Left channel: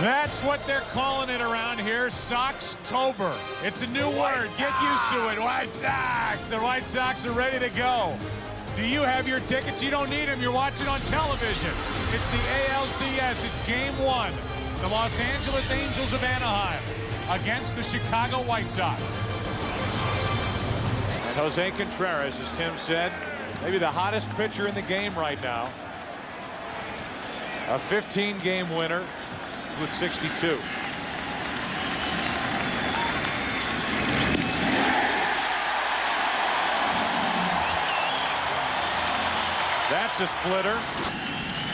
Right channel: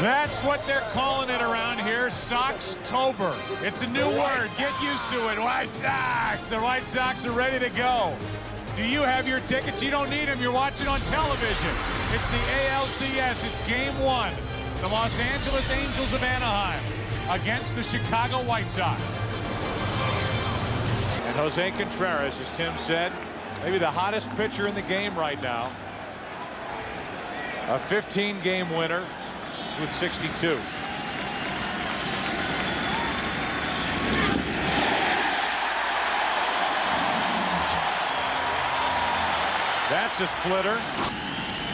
That's what they're calling it around here, Soxtober. It's a new word. Get used to it. White Sox. The White Sox are ready to go. Do you have your tickets? You don't need them. You're watching on television. It's the ALCS. It's game one. The Los Angeles Angels of Anaheim against the Chicago White Sox. And Jose Contreras, as Tim said, maybe the hottest pitcher in the game right now. A 15-game winner with 62. That's a splitter.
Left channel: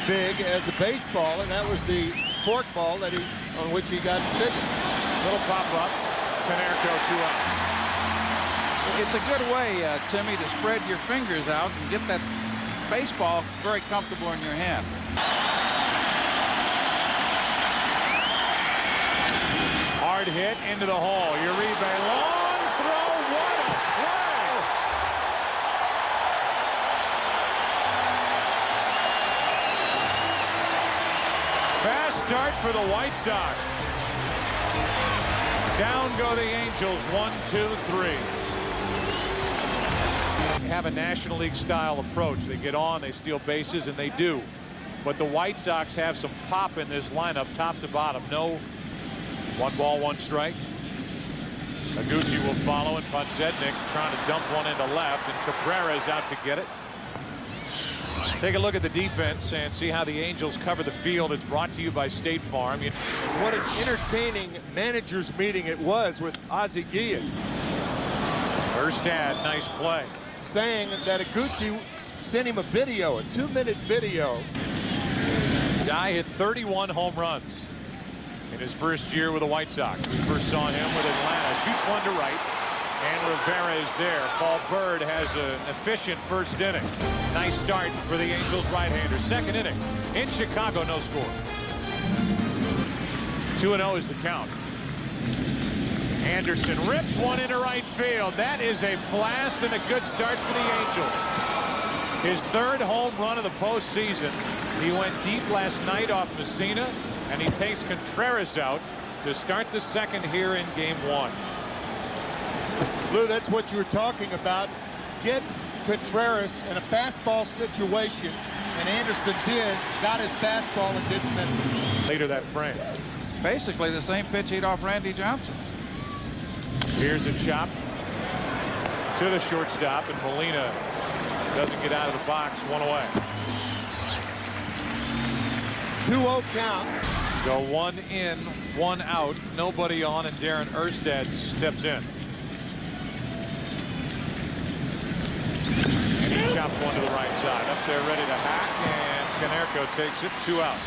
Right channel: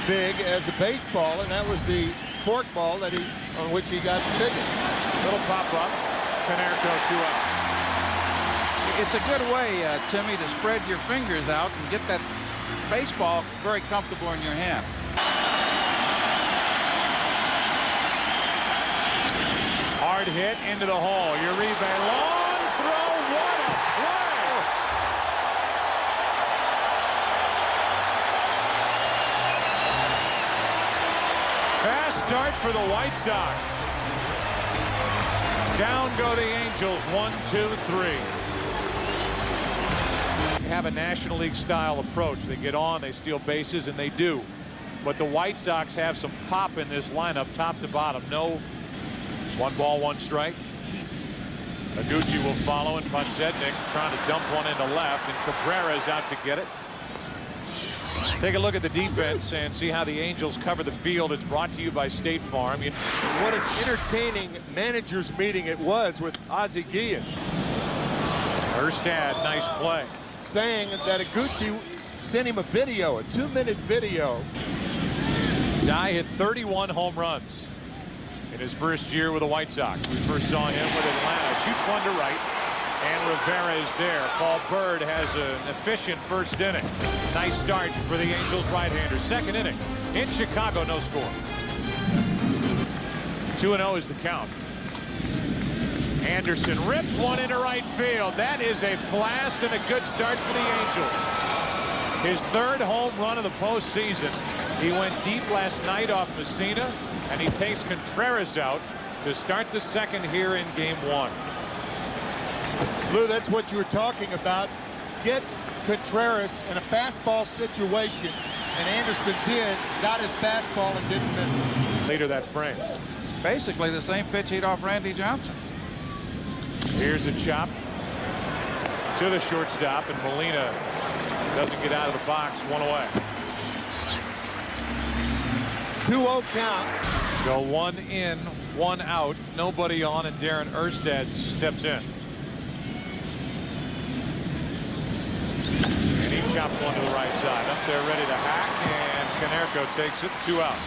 Big as a baseball, and that was the fork ball that on which he got Figgins. Little pop-up. Canerco 2 out. It's a good way, Timmy, to spread your fingers out and get that baseball very comfortable in your hand. Hard hit into the hole. Uribe, long throw. What a play! Fast start for the White Sox. Down go the Angels. 1, 2, 3. Have a National League style approach. They get on, they steal bases, and they do. But the White Sox have some pop in this lineup, top to bottom. No 1 ball, 1 strike. Aguchi will follow, and Podsednik trying to dump one into left, and Cabrera's out to get it. Take a look at the defense and see how the Angels cover the field. It's brought to you by State Farm. What an entertaining managers meeting it was with Ozzie Guillen. Erstad, nice play. Saying that Aguchi sent him a video, a 2-minute video. Dye hit 31 home runs in his first year with the White Sox. We first saw him with Atlanta. Shoots one to right, and Rivera is there. Paul Byrd has an efficient first inning. Nice start for the Angels right-hander. Second inning in Chicago, no score. 2-0 is the count. Anderson rips one into right field. That is a blast and a good start for the Angels. His 3rd home run of the postseason. He went deep last night off Messina, and he takes Contreras out to start the second here in game 1. Lou, that's what you were talking about. Get Contreras in a fastball situation, and Anderson got his fastball and didn't miss it. Later that frame. Basically the same pitch he'd off Randy Johnson. Here's a chop to the shortstop, and Molina doesn't get out of the box. 1 away. 2-0 count. So 1 in, 1 out, nobody on, and Darren Erstad steps in. And he chops one to the right side. Up there ready to hack, and Canerco takes it. 2 out.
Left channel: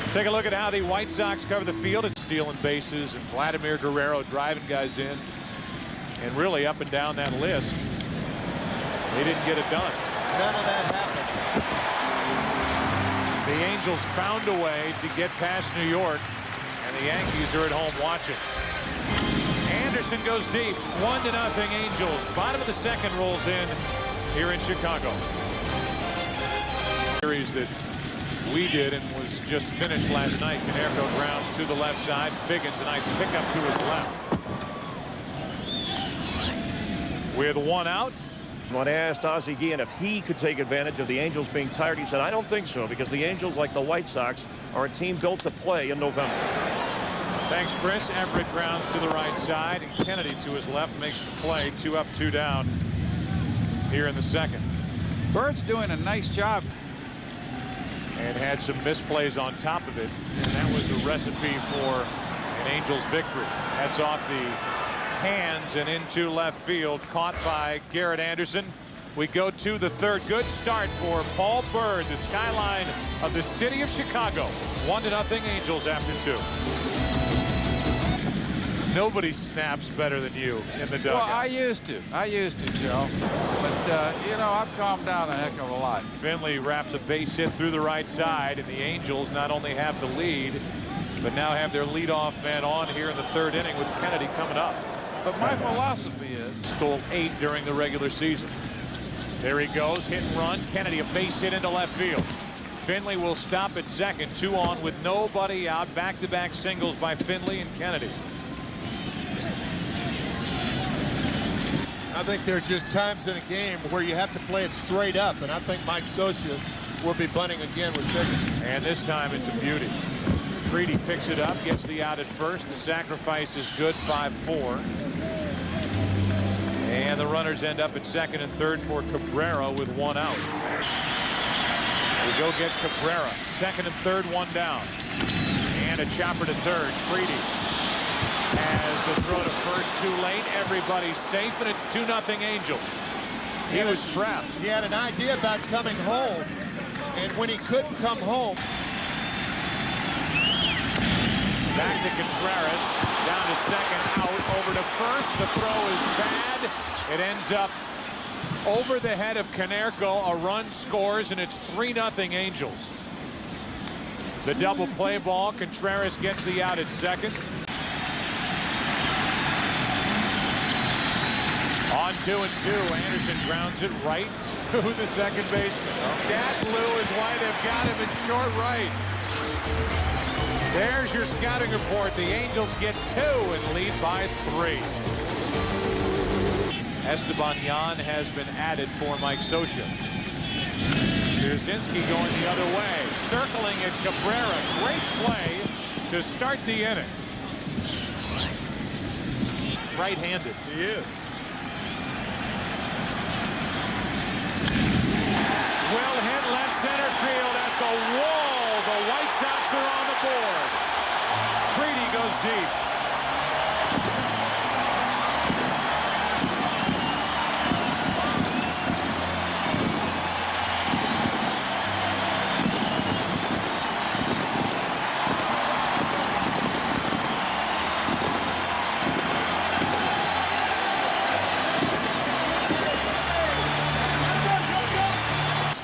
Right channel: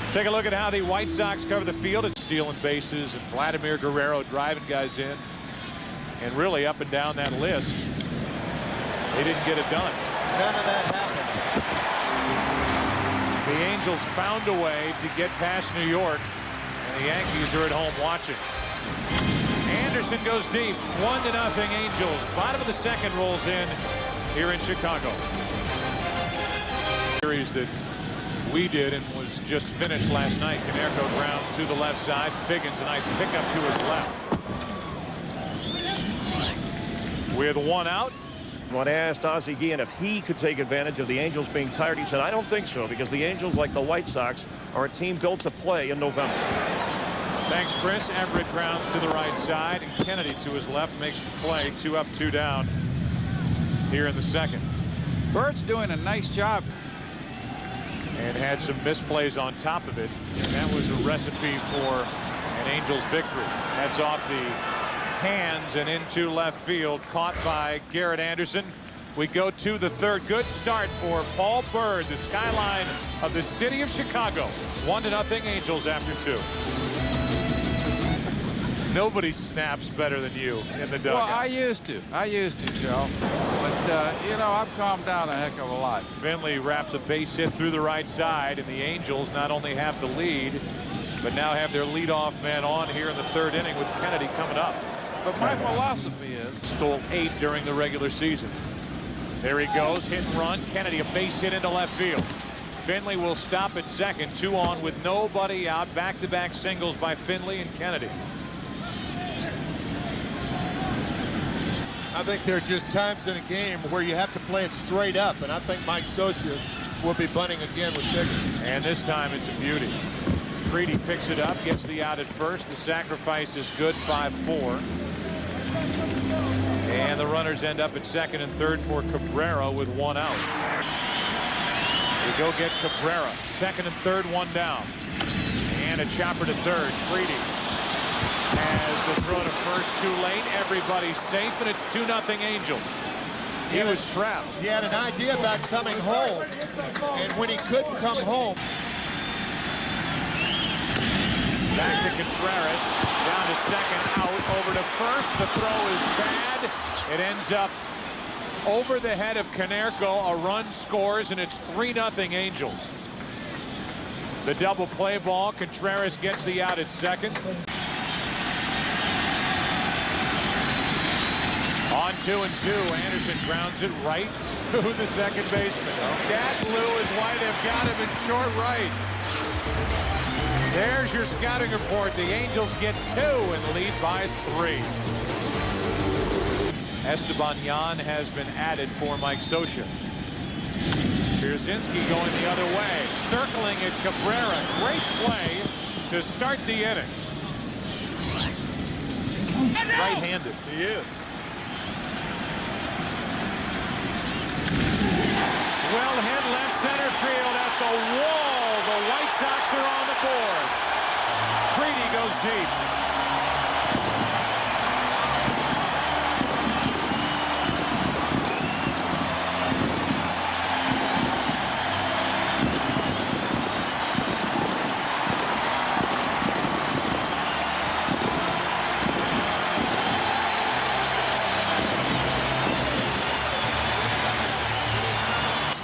Let's take a look at how the White Sox cover the field. It's stealing bases, and Vladimir Guerrero driving guys in. And really up and down that list, they didn't get it done. None of that happened. The Angels found a way to get past New York, and the Yankees are at home watching. Anderson goes deep. 1-0 Angels. Bottom of the second rolls in here in Chicago. Series that we did and was just finished last night. Canerco grounds to the left side. Figgins, a nice pickup to his left. With 1 out. When I asked Ozzie Guillen if he could take advantage of the Angels being tired, he said, I don't think so, because the Angels, like the White Sox, are a team built to play in November. Thanks, Chris. Everett grounds to the right side, and Kennedy to his left makes the play. 2 up, 2 down here in the second. Bird's doing a nice job. And had some misplays on top of it, and that was a recipe for an Angels victory. That's off the hands and into left field, caught by Garrett Anderson. We go to the 3rd. Good start for Paul Byrd, the skyline of the city of Chicago. 1-0 Angels after 2. Nobody snaps better than you in the dugout. Well, I used to, Joe. But, you know, I've calmed down a heck of a lot. Finley wraps a base hit through the right side, and the Angels not only have the lead, but now have their leadoff man on here in the 3rd inning with Kennedy coming up. But my philosophy is... Stole 8 during the regular season. There he goes, hit and run. Kennedy, a base hit into left field. Finley will stop at second. 2 on with nobody out. Back-to-back singles by Finley and Kennedy. I think there are just times in a game where you have to play it straight up, and I think Mike Scioscia will be bunting again with Pickett. And this time it's a beauty. Creedy picks it up, gets the out at first. The sacrifice is good, 5-4. And the runners end up at second and third for Cabrera with 1 out. We go get Cabrera. Second and third, 1 down. And a chopper to third. Creedy has the throw to first too late. Everybody's safe, and it's 2-0 Angels. He was trapped. He had an idea about coming home, and when he couldn't come home. Back to Contreras, down to second, out, over to first. The throw is bad. It ends up over the head of Konerko. A run scores, and it's 3-0 Angels. The double play ball. Contreras gets the out at second. On 2-2, Anderson grounds it right to the second baseman. That, Lou, is why they've got him in short right. There's your scouting report. The Angels get 2 and lead by 3. Esteban Yan has been added for Mike Scioscia. Pierzynski going the other way. Circling at Cabrera. Great play to start the inning. Right-handed. He is. Well hit left center field at the wall. The White Sox are on the board. Creedy goes deep.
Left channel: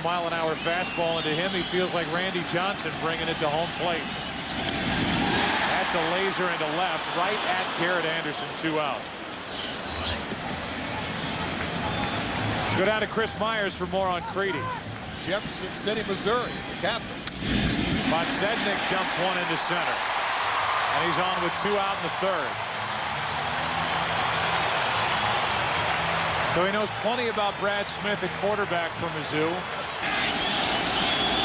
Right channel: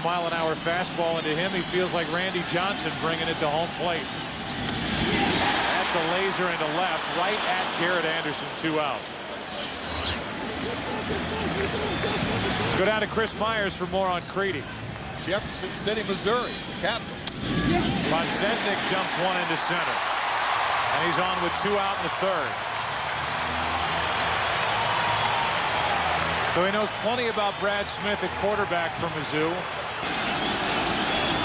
Mile-an-hour fastball into him. He feels like Randy Johnson bringing it to home plate. That's a laser into left, right at Garrett Anderson. 2 out. Let's go down to Chris Myers for more on Creedy. Jefferson City, Missouri, the capital. Podsednik jumps one into center, and he's on with 2 out in the third. So he knows plenty about Brad Smith at quarterback for Mizzou.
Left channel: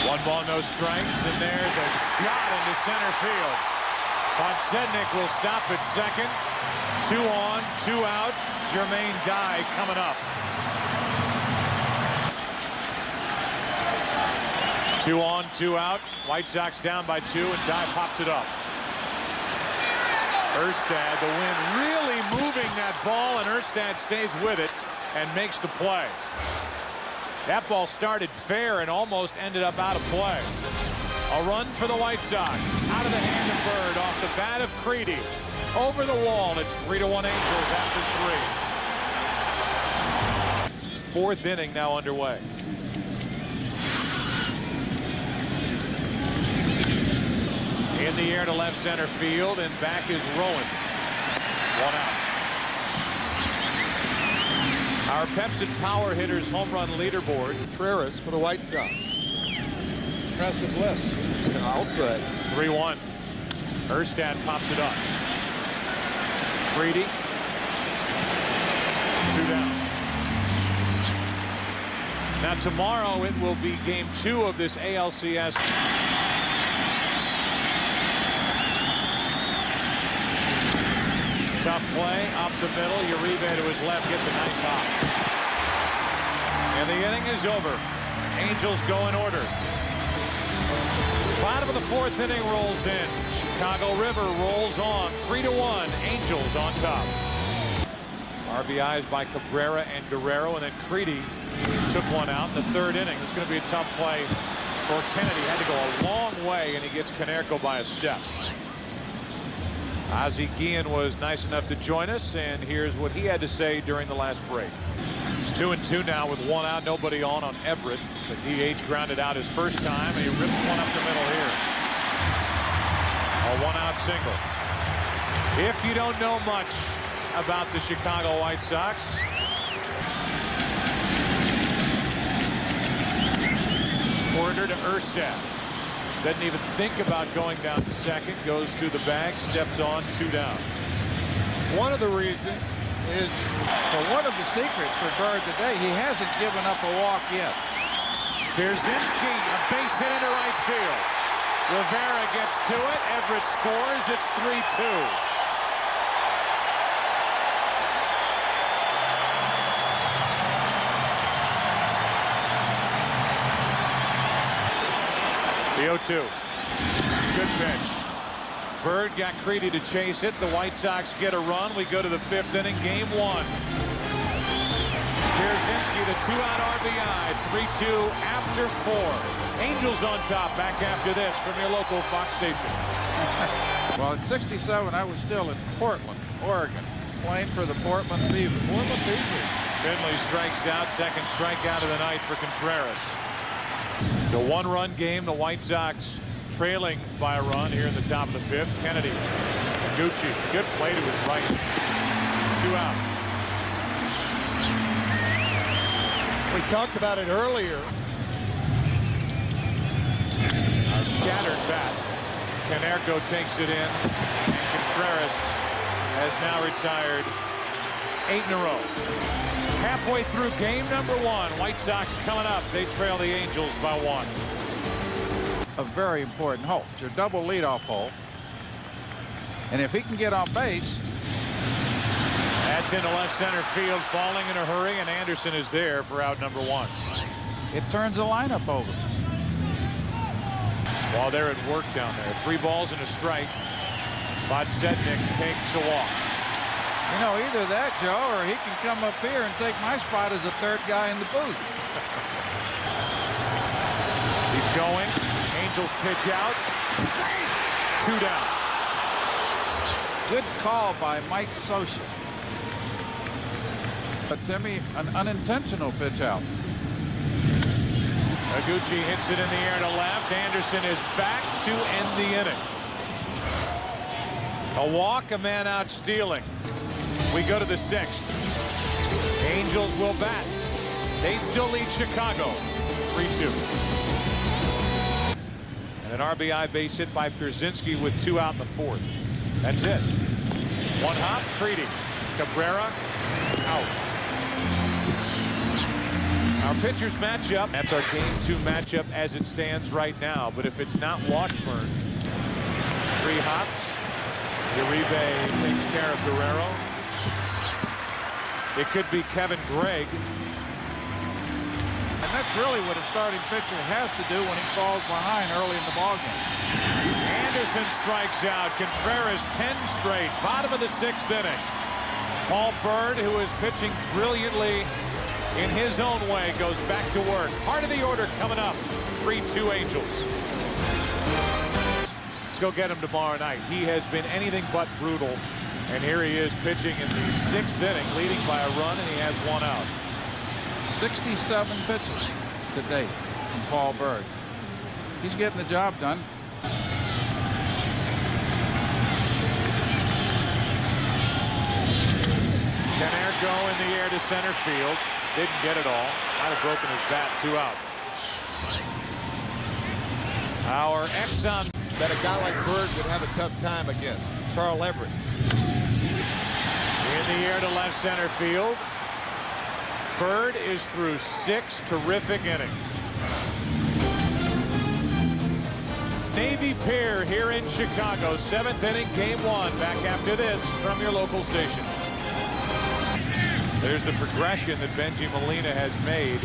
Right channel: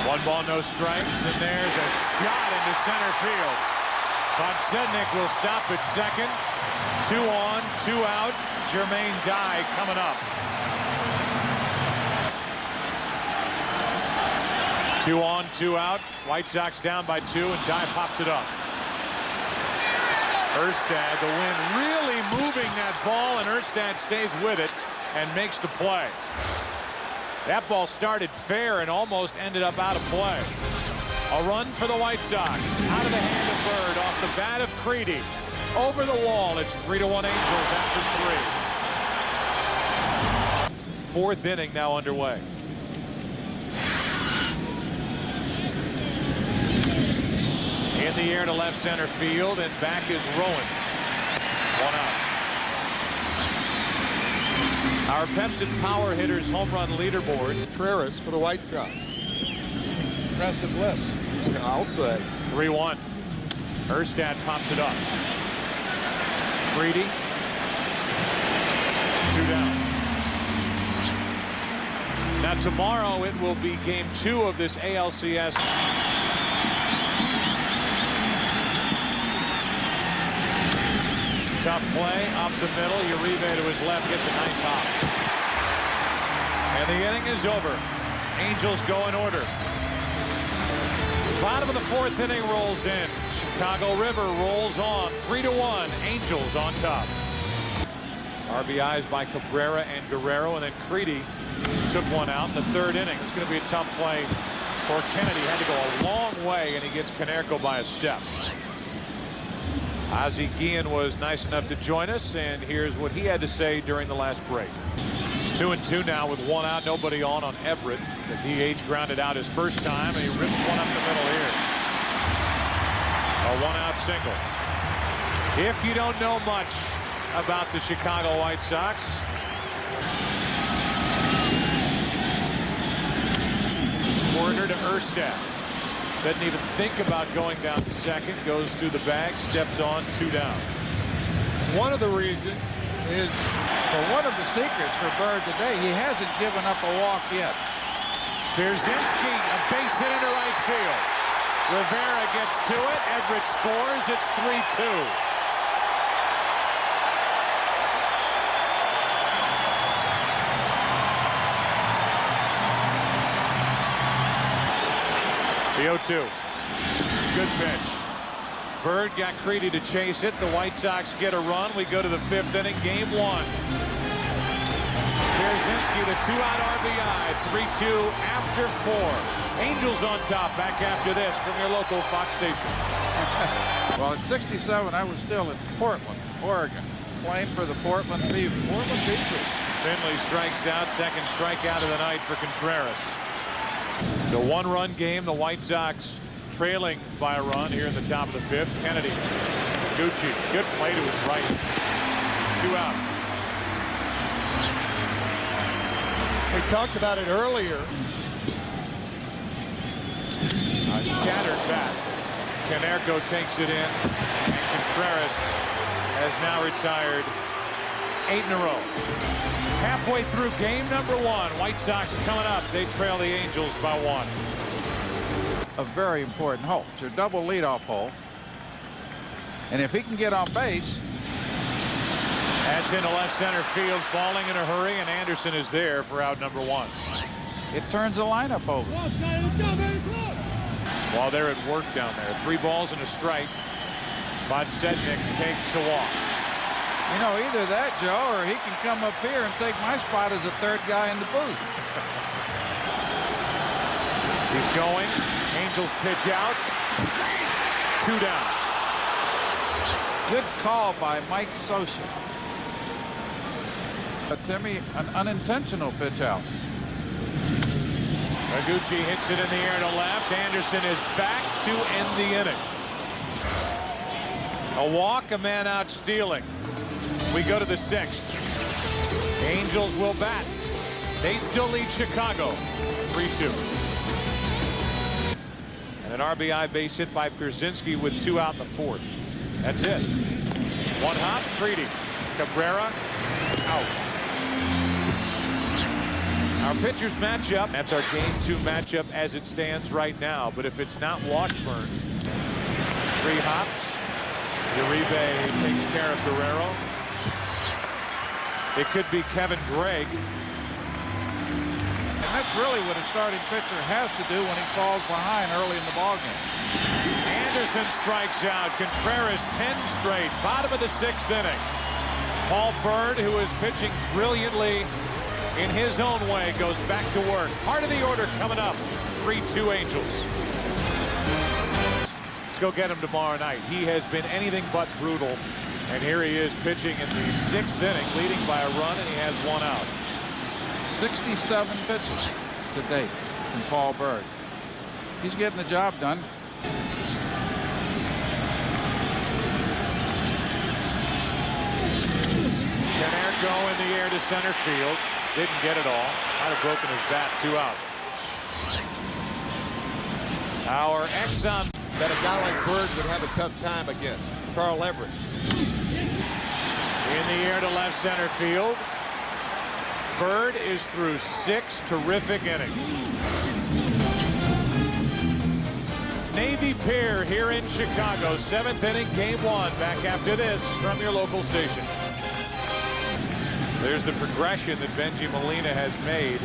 1 ball, no strikes, and there's a shot into center field. Podsednik will stop at second. 2 on, 2 out. Jermaine Dye coming up. 2 on, 2 out. White Sox down by 2, and Dye pops it up. Erstad, the wind really moving that ball, and Erstad stays with it and makes the play. That ball started fair and almost ended up out of play. A run for the White Sox. Out of the hand of Byrd, off the bat of Creedy. Over the wall. It's 3-1 Angels after 3. 4th inning now underway. In the air to left center field, and back is Rowan. 1 out. Our Pepsi Power Hitters home run leaderboard. Contreras for the White Sox. Impressive list. I'll say. 3-1. Erstad pops it up. Creedy. 2 down. Now tomorrow it will be game 2 of this ALCS. Tough play up the middle. Uribe to his left gets a nice hop. And the inning is over. Angels go in order. Bottom of the 4th inning rolls in. Chicago River rolls on. 3-1. Angels on top. RBIs by Cabrera and Guerrero, and then Creedy took 1 out in the 3rd inning. It's going to be a tough play for Kennedy. Had to go a long way, and he gets Konerko by a step. Ozzie Guillen was nice enough to join us, and here's what he had to say during the last break. It's 2-2 now with 1 out, nobody on Everett. The DH grounded out his first time, and he rips one up the middle here. A 1-out single. If you don't know much about the Chicago White Sox, Squirter to Erstad. Doesn't even think about going down to second. Goes to the bag, steps on, 2 down. One of the reasons is, well, one of the secrets for Byrd today, he hasn't given up a walk yet. Pierzynski, a base hit into right field. Rivera gets to it. Everett scores. It's 3-2. The 0-2. Good pitch. Byrd got Creedy to chase it. The White Sox get a run. We go to the 5th inning, game 1. Pierzynski, the 2-out RBI, 3-2 after 4. Angels on top back after this from your local Fox station. Well, at 67, I was still in Portland, Oregon, playing for the Portland Fever. Finley strikes out, second strikeout of the night for Contreras. So 1-run game. The White Sox trailing by a run here in the top of the 5th. Kennedy, Gucci, good play to his right. 2 out. we talked about it earlier. A shattered bat. Canerco takes it in, and Contreras has now retired 8 in a row. Halfway through game number 1, White Sox coming up. They trail the Angels by 1. A very important hole. It's your double leadoff hole. And if he can get on base. That's into left center field, falling in a hurry, and Anderson is there for out number 1. It turns the lineup over. While they're at work down there, 3 balls and a strike. Podsednik takes a walk. You know, either that, Joe, or he can come up here and take my spot as the 3rd guy in the booth. He's going. Angels pitch out. 2 down. Good call by Mike Scioscia. But Timmy, an unintentional pitch out. Higuchi hits it in the air to left. Anderson is back to end the inning. A walk, a man out stealing. We go to the 6th. Angels will bat. They still lead Chicago 3-2. And an RBI base hit by Pierzynski with 2 out in the 4th. That's it. 1 hop, Creedy. Cabrera out. Our pitchers match up. That's our game 2 matchup as it stands right now. But if it's not Washburn, 3 hops. Uribe takes care of Guerrero. It could be Kevin Gregg. And that's really what a starting pitcher has to do when he falls behind early in the ballgame. Anderson strikes out. Contreras 10 straight. Bottom of the 6th inning. Paul Byrd, who is pitching brilliantly in his own way, goes back to work. Part of the order coming up. 3-2 Angels. Let's go get him tomorrow night. He has been anything but brutal. And here he is pitching in the 6th inning, leading by a run, and he has 1 out. 67 pitches to date from Paul Byrd. He's getting the job done. Canerco in the air to center field. Didn't get it all. Might have broken his bat. 2 out. Our Exxon. That a guy like Byrd would have a tough time against. Carl Everett. In the air to left center field. Byrd is through 6 terrific innings. Navy Pier here in Chicago. 7th inning, game 1. Back after this from your local station. There's the progression that Benji Molina has made.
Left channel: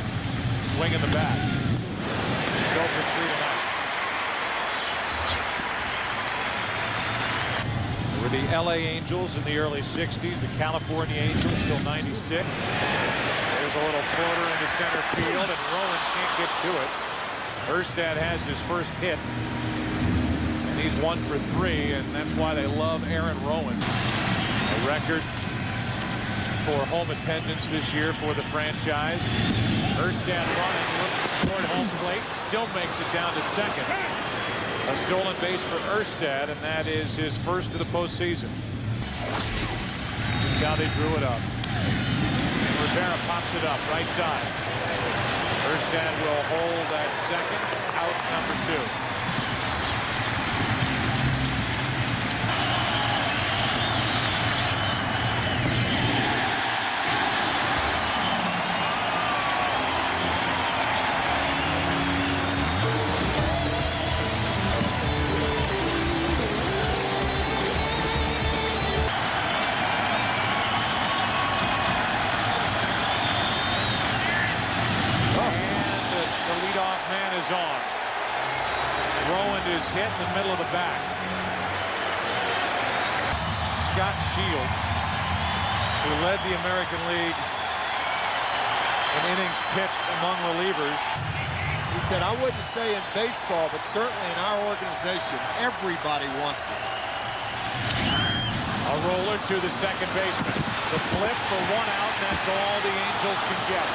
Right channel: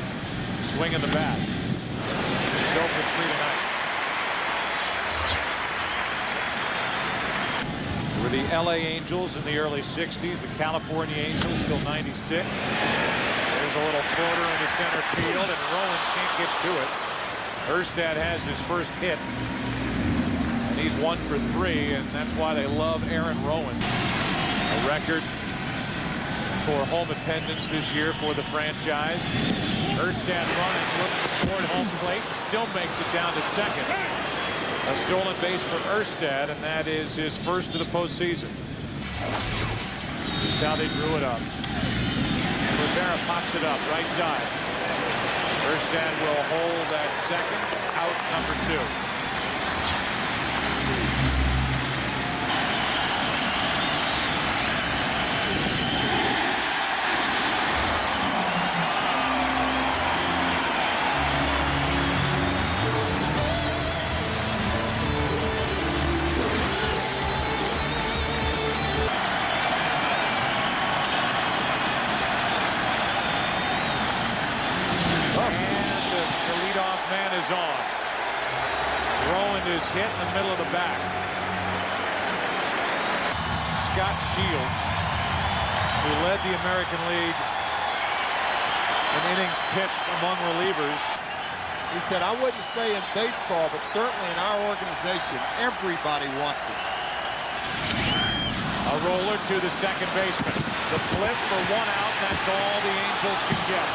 Swinging the bat. He's 0 for 3 tonight. There were the LA Angels in the early 60s. The California Angels till 96. There's a little floater into center field, and Rowan can't get to it. Erstad has his first hit, and he's 1 for 3, and that's why they love Aaron Rowan. A record for home attendance this year for the franchise. Erstad running, looking toward home plate, still makes it down to second. A stolen base for Erstad, and that is his first of the postseason. Just how they drew it up. And Rivera pops it up right side. Erstad will hold that second, out number 2. is on. Rowan is hit in the middle of the back. Scott Shields, who led the American League in innings pitched among relievers. He said, I wouldn't say in baseball, but certainly in our organization, everybody wants it. A roller to the second baseman. The flip for 1 out, and that's all the Angels can get.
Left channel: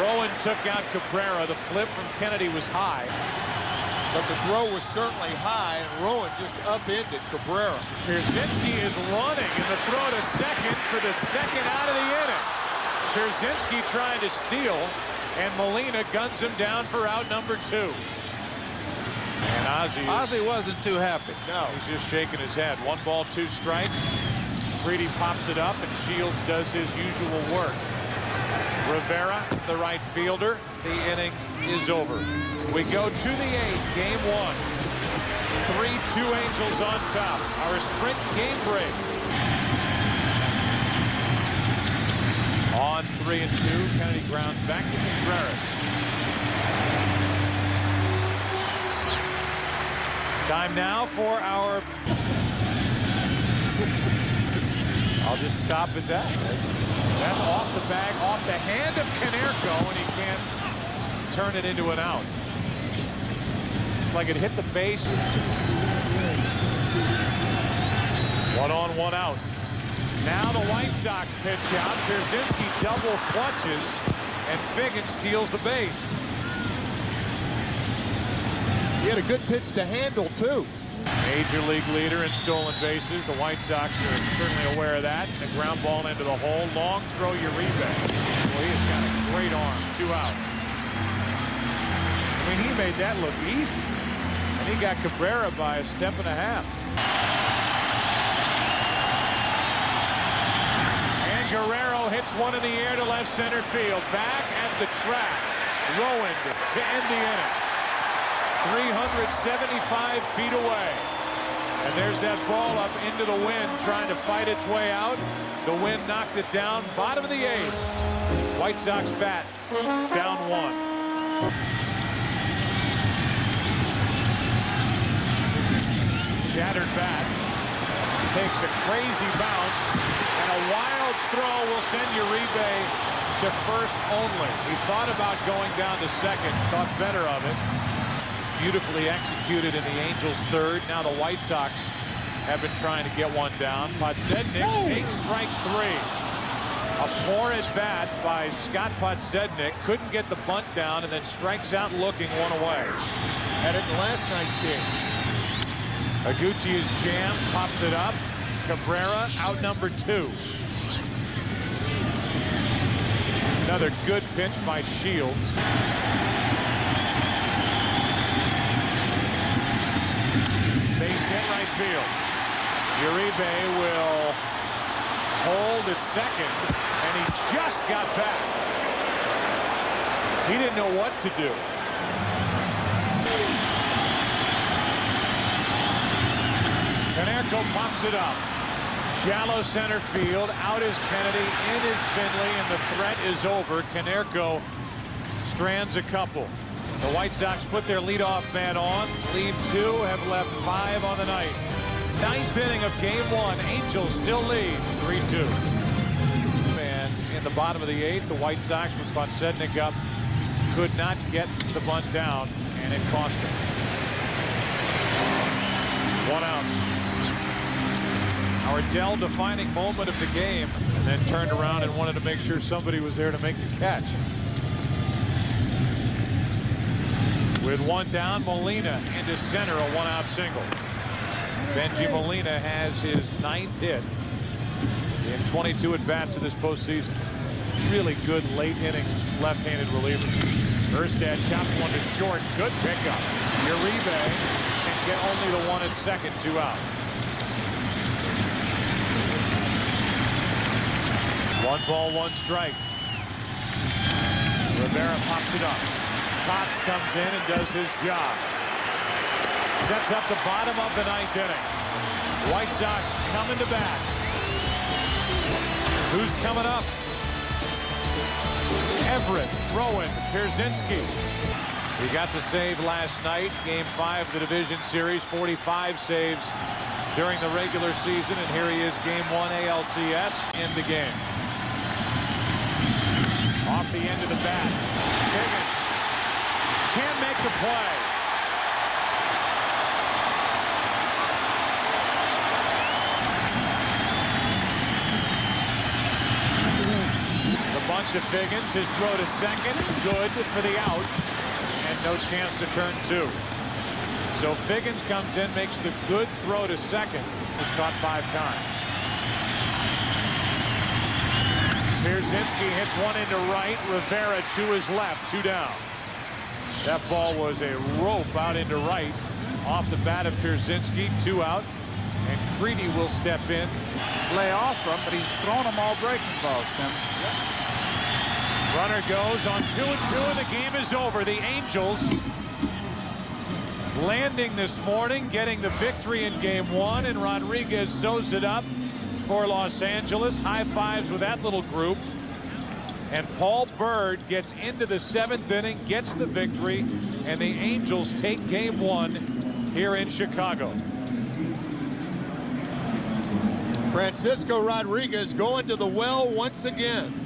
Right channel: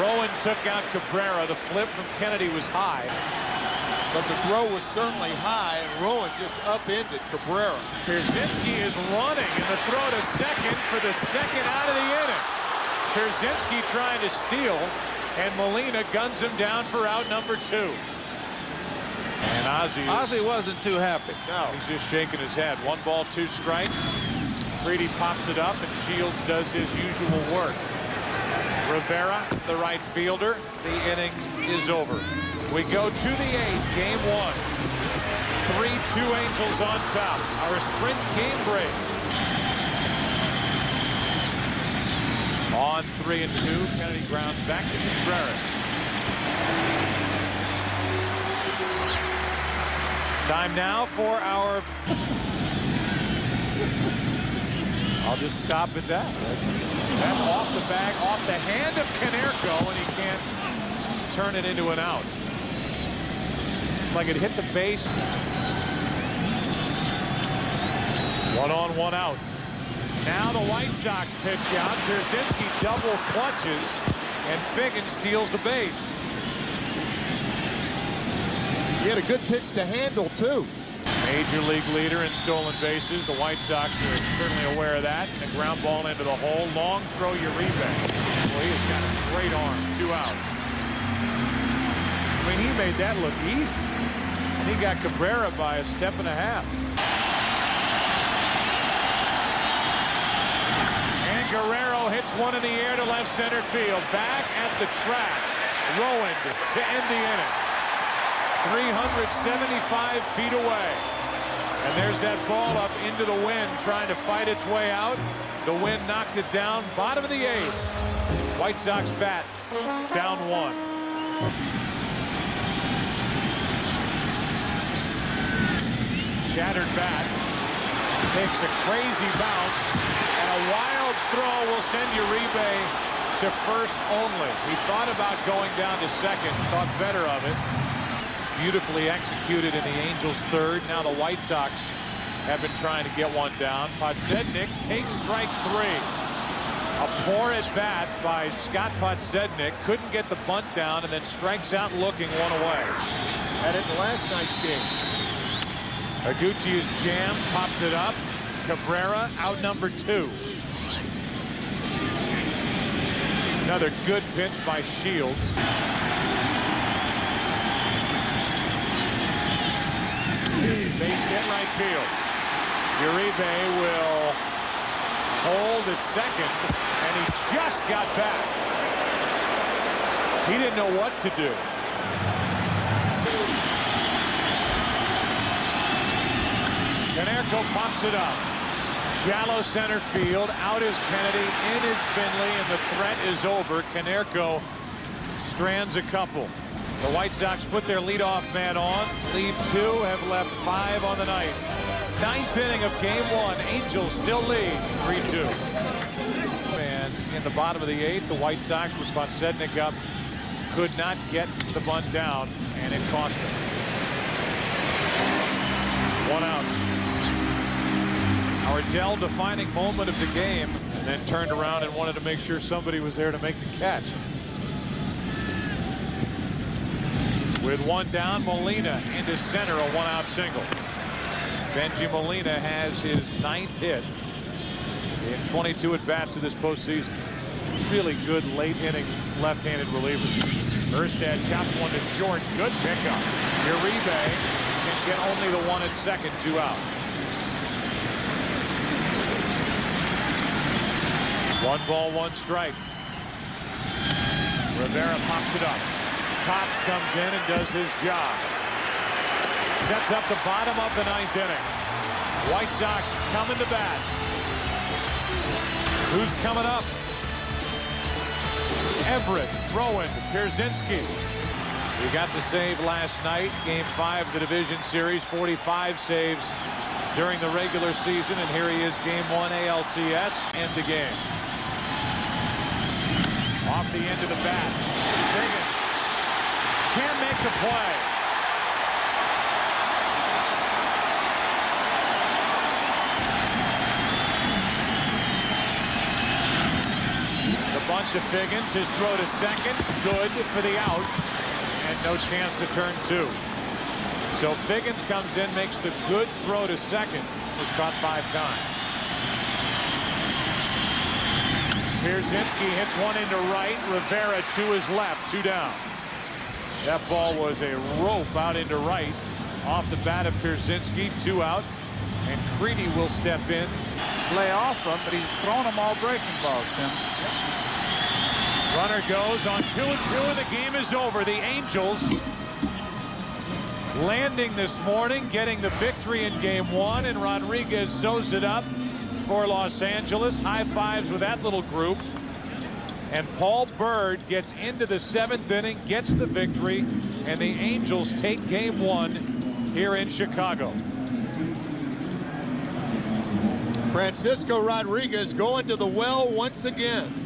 Rowan took out Cabrera. The flip from Kennedy was high. But the throw was certainly high, and Rowan just upended Cabrera. Pierzynski is running, and the throw to second for the second out of the inning. Pierzynski trying to steal, and Molina guns him down for out number 2. And Ozzie wasn't too happy. No. He's just shaking his head. 1 ball, 2 strikes. Creedy pops it up, and Shields does his usual work. Rivera, the right fielder. The inning is over. We go to the 8th, game 1. 3-2 Angels on top. Our sprint game break. On 3-2, Kennedy grounds back to Contreras. Time now for our... I'll just stop at that. That's off the bag, off the hand of Konerko, and he can't turn it into an out. Like it hit the base. 1 on, 1 out. Now the White Sox pitch out. Pierzynski double clutches, and Figgin steals the base. He had a good pitch to handle, too. Major league leader in stolen bases. The White Sox are certainly aware of that. And a ground ball into the hole. Long throw, Uribe. Well, he has got a great arm. 2 out. I mean, he made that look easy. And he got Cabrera by a step and a half. And Guerrero hits one in the air to left center field. Back at the track. Rowan to end the inning. 375 feet away. And there's that ball up into the wind trying to fight its way out. The wind knocked it down. Bottom of the 8th. White Sox bat down 1. Shattered bat. Takes a crazy bounce. And a wild throw will send Uribe to first only. He thought about going down to second. Thought better of it. Beautifully executed in the Angels' 3rd. Now the White Sox have been trying to get one down. Podsednik takes strike 3. A poor at bat by Scott Podsednik. Couldn't get the bunt down and then strikes out looking 1 away. Had it in last night's game. Higuchi is jammed, pops it up. Cabrera out number 2. Another good pitch by Shields. Base hit right field. Uribe will hold at second, and he just got back. He didn't know what to do. Konerko pops it up. Shallow center field. Out is Kennedy. In is Finley, and the threat is over. Konerko strands a couple. The White Sox put their leadoff man on. Lead 2, have left 5 on the night. 9th inning of game 1. Angels still lead 3-2. And in the bottom of the 8th, the White Sox with Podsednik up could not get the bunt down, and it cost him. 1 out. Our Dell defining moment of the game, and then turned around and wanted to make sure somebody was there to make the catch. With 1 down, Molina into center, a 1-out single. Benji Molina has his 9th hit in 22 at-bats of this postseason. Really good late-inning left-handed reliever. Erstad chops one to short. Good pickup. Uribe can get only the 1 at second, 2 out. 1 ball, 1 strike. Rivera pops it up. Cox comes in and does his job. Sets up the bottom of the 9th inning. White Sox coming to bat. Who's coming up? Everett, Rowan, Pierzynski. He got the save last night, game 5 of the division series, 45 saves during the regular season, and here he is, game 1 ALCS, end the game. Off the end of the bat, Higgins can't make the play. The bunt to Figgins, his throw to second, good for the out, and no chance to turn 2. So Figgins comes in, makes the good throw to second, was caught 5 times. Pierzynski hits one into right, Rivera to his left, 2 down. That ball was a rope out into right, off the bat of Pierzynski, 2 out, and Creedy will step in. Lay off from, but he's thrown them all breaking balls, Tim. Yep. Runner goes on 2-2, and the game is over. The Angels landing this morning, getting the victory in game 1, and Rodriguez sews it up for Los Angeles. High fives with that little group. And Paul Byrd gets into the 7th inning, gets the victory, and the Angels take game 1 here in Chicago. Francisco Rodriguez going to the well once again.